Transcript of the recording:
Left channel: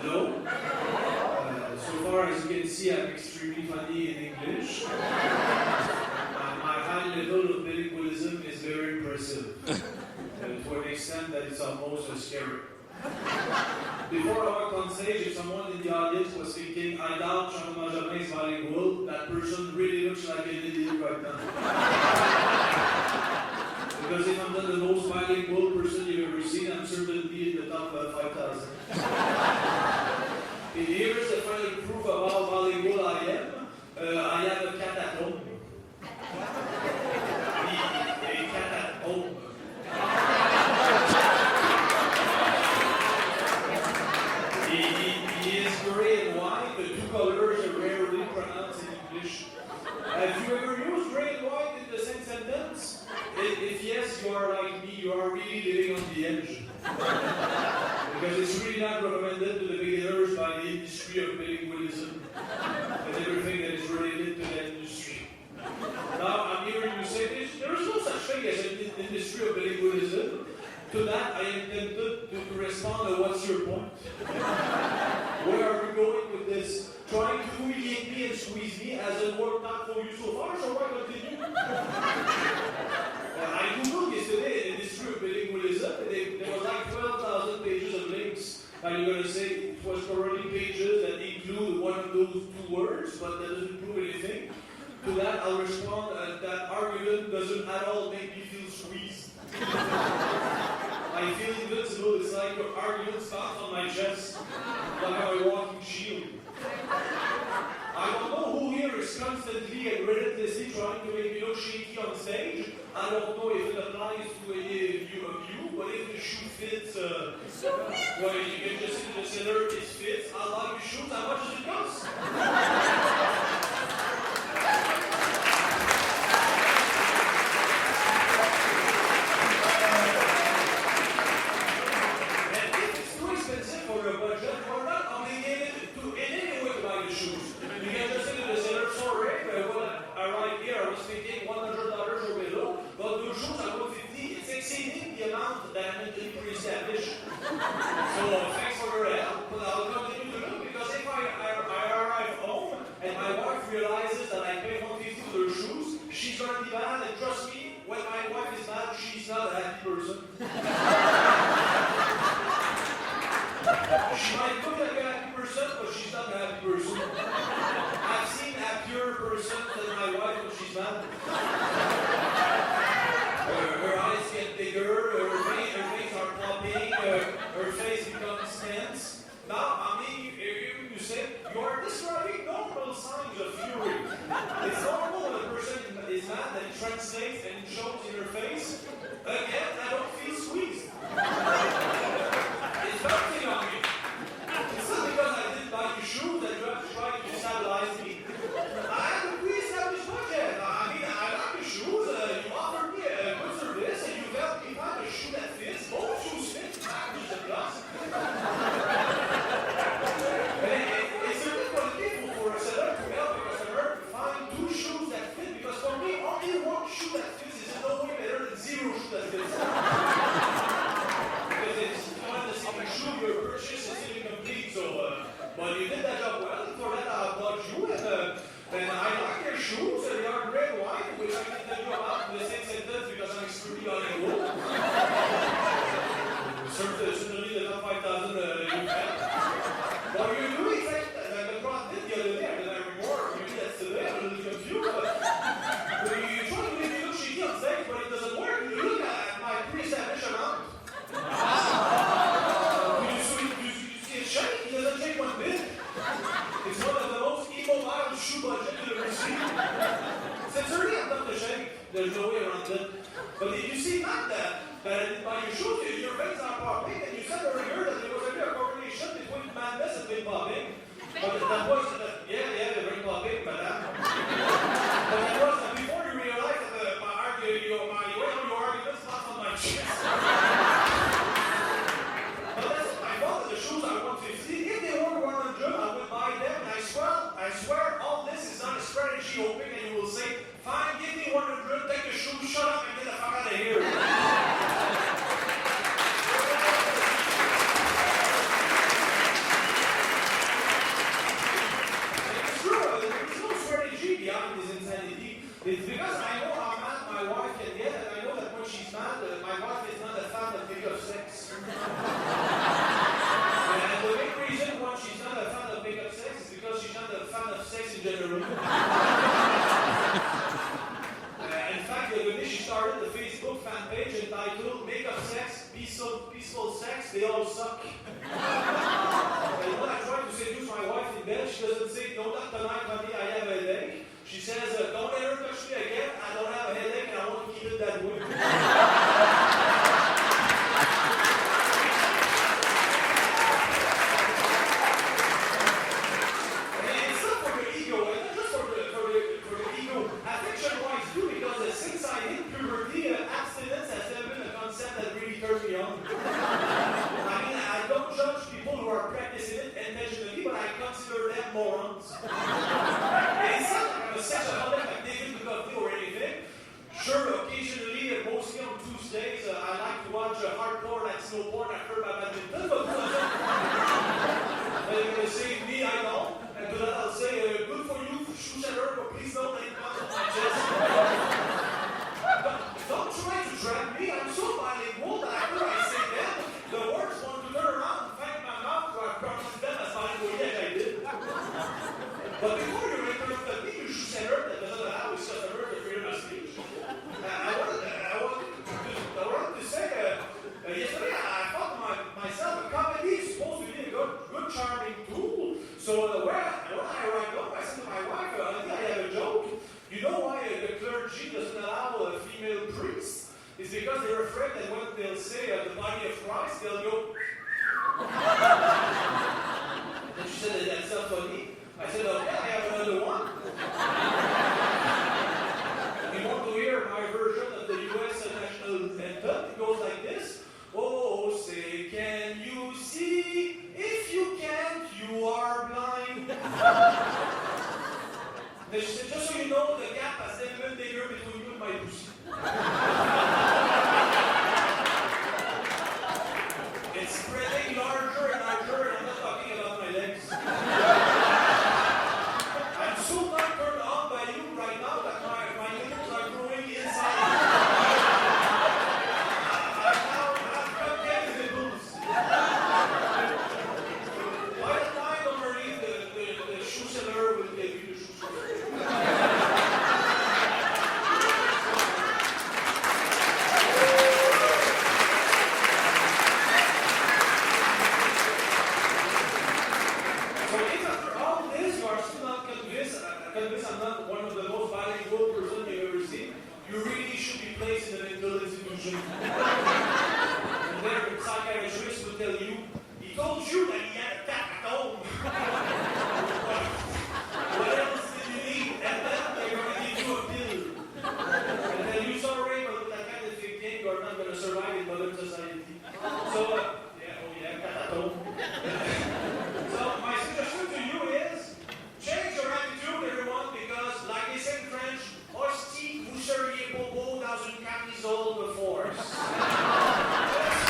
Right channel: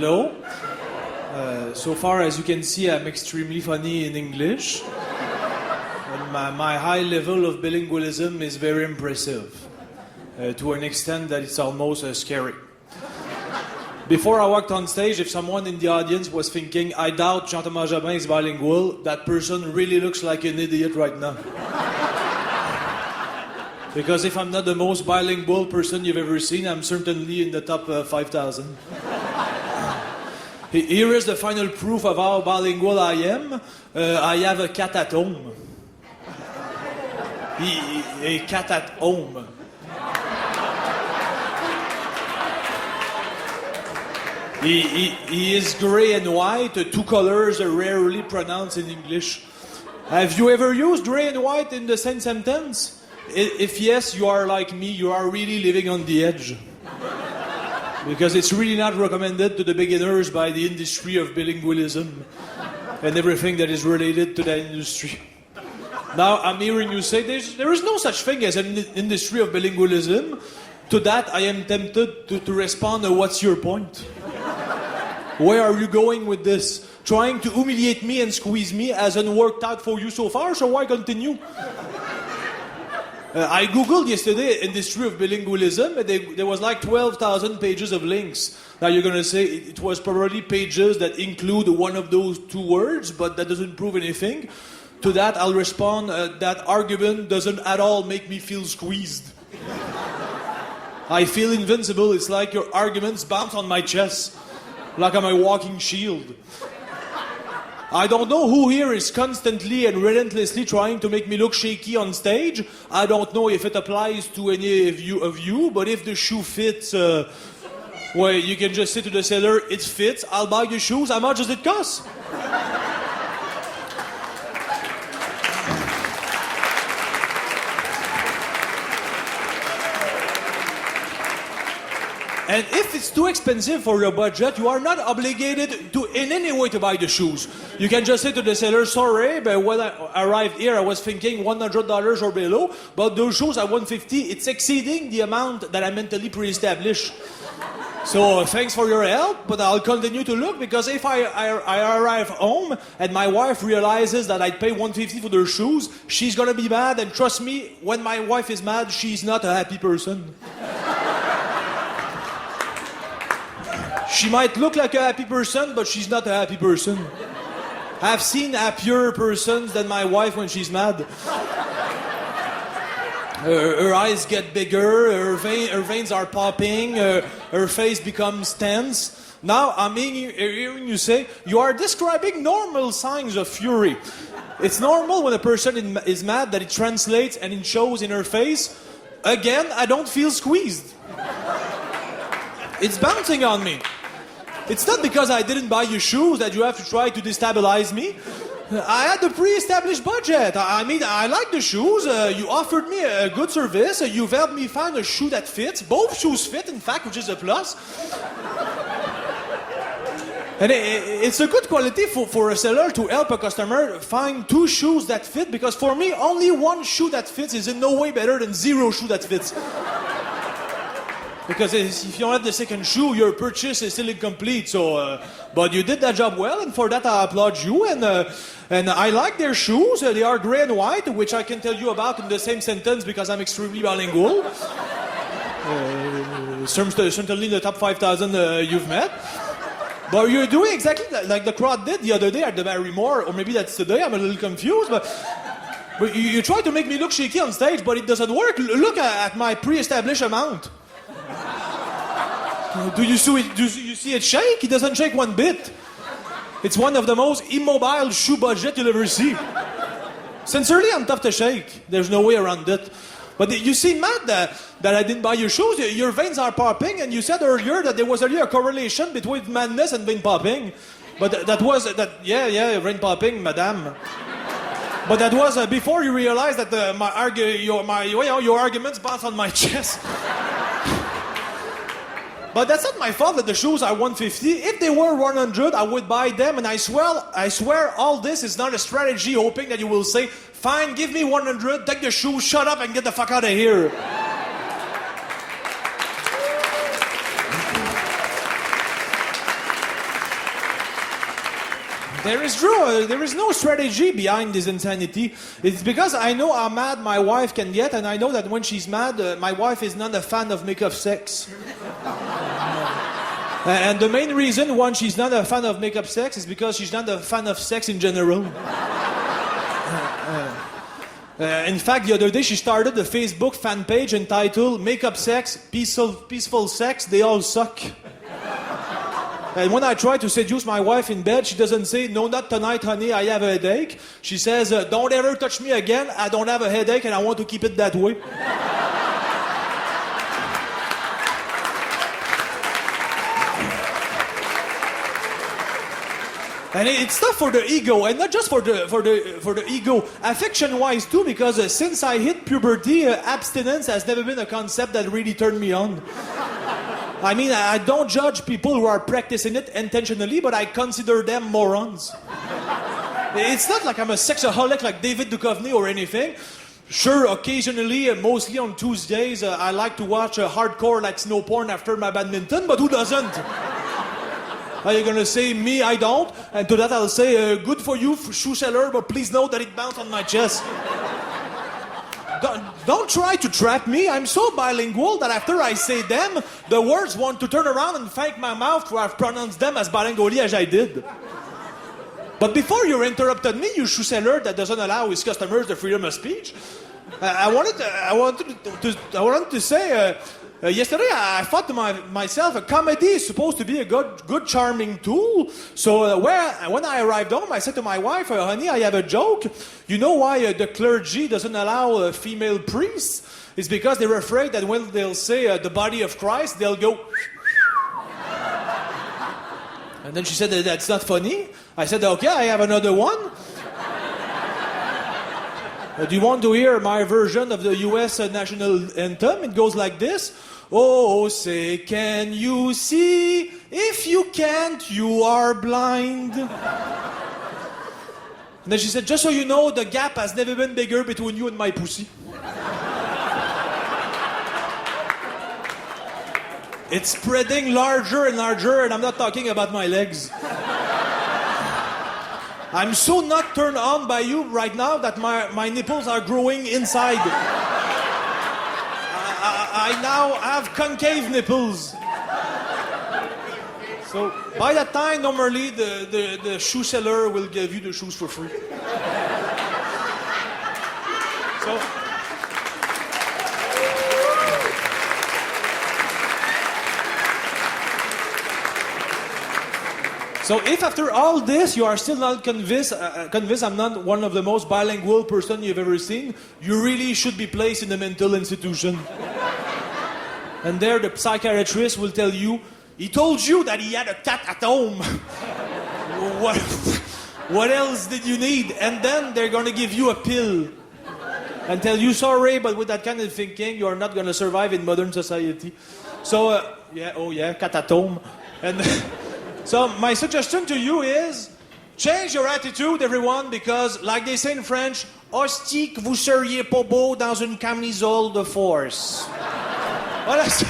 Hello. So far as you can see, I'm extremely funny in English. And my high level of bilingualism is very impressive. To an extent that it's almost scary. Before I walked on stage, if someone in the audience was thinking, I doubt Jean-Thomas Jobin is bilingual, that person really looks like an idiot right now. Because if I'm not the most bilingual person you've ever seen, I'm certainly in the top 5,000. Here is the final proof of how bilingual I am. I have a cat at home. A cat at home. He is grey and white. Two colors are rarely pronounced in English. Have you ever used grey and white in the same sentence? If yes, you are like me. You are really living on the edge. Because it's really not recommended to the beginners by the industry of bilingualism and everything that is related to that industry. Now, I'm hearing you say there is no such thing as an industry of bilingualism. To that, I am tempted to respond, what's your point? Where are you going with this? Trying to humiliate me and squeeze me hasn't worked out for you so far, so why continue? I googled yesterday industry of bilingualism, and there was like 12,000 pages of links. Now you're gonna say it was probably pages that include one of those two words, but that doesn't prove anything. To that, I'll respond, that argument doesn't at all make me feel squeezed. I feel invincible. It's like your arguments bounce on my chest, like I'm a walking shield. I don't know who here is constantly and relentlessly trying to make me look shaky on stage. I don't know if it applies to any of you, but if the shoe fits, well, you can just say to the seller, it fits, I'll buy the shoes, how much does it cost? And if it's too expensive for your budget, you are not obligated to in any way to buy the shoes. You can just say to the seller, sorry, but when I arrived here, I was thinking $100 or below, but those shoes at $150, it's exceeding the amount that I mentally pre-established. So thanks for your help, but I'll continue to look, because if I arrive home and my wife realizes that I pay $150 for their shoes, she's gonna be mad, and trust me, when my wife is mad, she's not a happy person. She might look like a happy person, but she's not a happy person. I've seen happier persons than my wife when she's mad. Her eyes get bigger, her veins are popping, her face becomes tense. Now, I'm hearing you say, you are describing normal signs of fury. It's normal when a person is mad that it translates and it shows in her face. Again, I don't feel squeezed. It's bouncing on me. It's not because I didn't buy you shoes that you have to try to destabilize me. I had a pre-established budget. I mean, I like the shoes. You offered me a good service. You've helped me find a shoe that fits. Both shoes fit, in fact, which is a plus. And it's a good quality for a seller to help a customer find two shoes that fit, because for me, only one shoe that fits is in no way better than zero shoe that fits. Because if you don't have the second shoe, your purchase is still incomplete. So, but you did that job well, and for that I applaud you. And I like their shoes. They are gray and white, which I can tell you about in the same sentence because I'm extremely bilingual. Certainly in the top 5,000 you've met. But you're doing exactly like the crowd did the other day at the Barrymore, or maybe that's today. I'm a little confused, but you try to make me look shaky on stage, but it doesn't work. Look at my pre-established amount. Do you see it shake? It doesn't shake one bit. It's one of the most immobile shoe budget you'll ever see. Sincerely, I'm tough to shake. There's no way around it. But you seem mad that I didn't buy your shoes. Your veins are popping, and you said earlier that there was a correlation between madness and vein popping. But yeah, vein popping, madame. But that was before you realized that your arguments bounce on my chest. But that's not my fault that the shoes are $150. If they were $100, I would buy them, and I swear all this is not a strategy hoping that you will say, fine, give me $100, take the shoes, shut up, and get the fuck out of here. There is no strategy behind this insanity. It's because I know how mad my wife can get, and I know that when she's mad, my wife is not a fan of make-up sex. And the main reason why she's not a fan of make-up sex is because she's not a fan of sex in general. In fact, the other day she started a Facebook fan page entitled "Make-up Sex, Peaceful Sex, They All Suck." And when I try to seduce my wife in bed, she doesn't say, "No, not tonight, honey, I have a headache." She says, "Don't ever touch me again, I don't have a headache and I want to keep it that way." And it's not for the ego, and not just for the ego, affection-wise too, because since I hit puberty, abstinence has never been a concept that really turned me on. I mean, I don't judge people who are practicing it intentionally, but I consider them morons. It's not like I'm a sexaholic like David Duchovny or anything. Sure, occasionally, mostly on Tuesdays, I like to watch hardcore like snow porn after my badminton, but who doesn't? Are you gonna say, me, I don't? And to that I'll say, good for you, shoe seller, but please note that it bounced on my chest. Don't try to trap me. I'm so bilingual that after I say them, the words want to turn around and thank my mouth for have pronounced them as bilingually as I did. But before you interrupted me, you shoe seller that doesn't allow his customers the freedom of speech, I wanted to say, yesterday I thought to myself, a comedy is supposed to be a good charming tool. So when I arrived home, I said to my wife, honey, I have a joke. You know why the clergy doesn't allow female priests? It's because they're afraid that when they'll say the body of Christ, they'll go... And then she said, that's not funny. I said, okay, I have another one. Do you want to hear my version of the U.S. national anthem? It goes like this. Oh, say, can you see? If you can't, you are blind. And then she said, just so you know, the gap has never been bigger between you and my pussy. It's spreading larger and larger, and I'm not talking about my legs. I'm so not turned on by you right now that my nipples are growing inside. I now have concave nipples. So by that time, normally the shoe seller will give you the shoes for free. So if after all this you are still not convinced I'm not one of the most bilingual person you've ever seen, you really should be placed in a mental institution. And there the psychiatrist will tell you, he told you that he had a cat at home. What else did you need? And then they're gonna give you a pill and tell you, sorry, but with that kind of thinking, you are not gonna survive in modern society. So, cat at home. And so my suggestion to you is, change your attitude, everyone, because, like they say in French, hostie que vous seriez pas beau dans une camisole de force. Voilà, merci.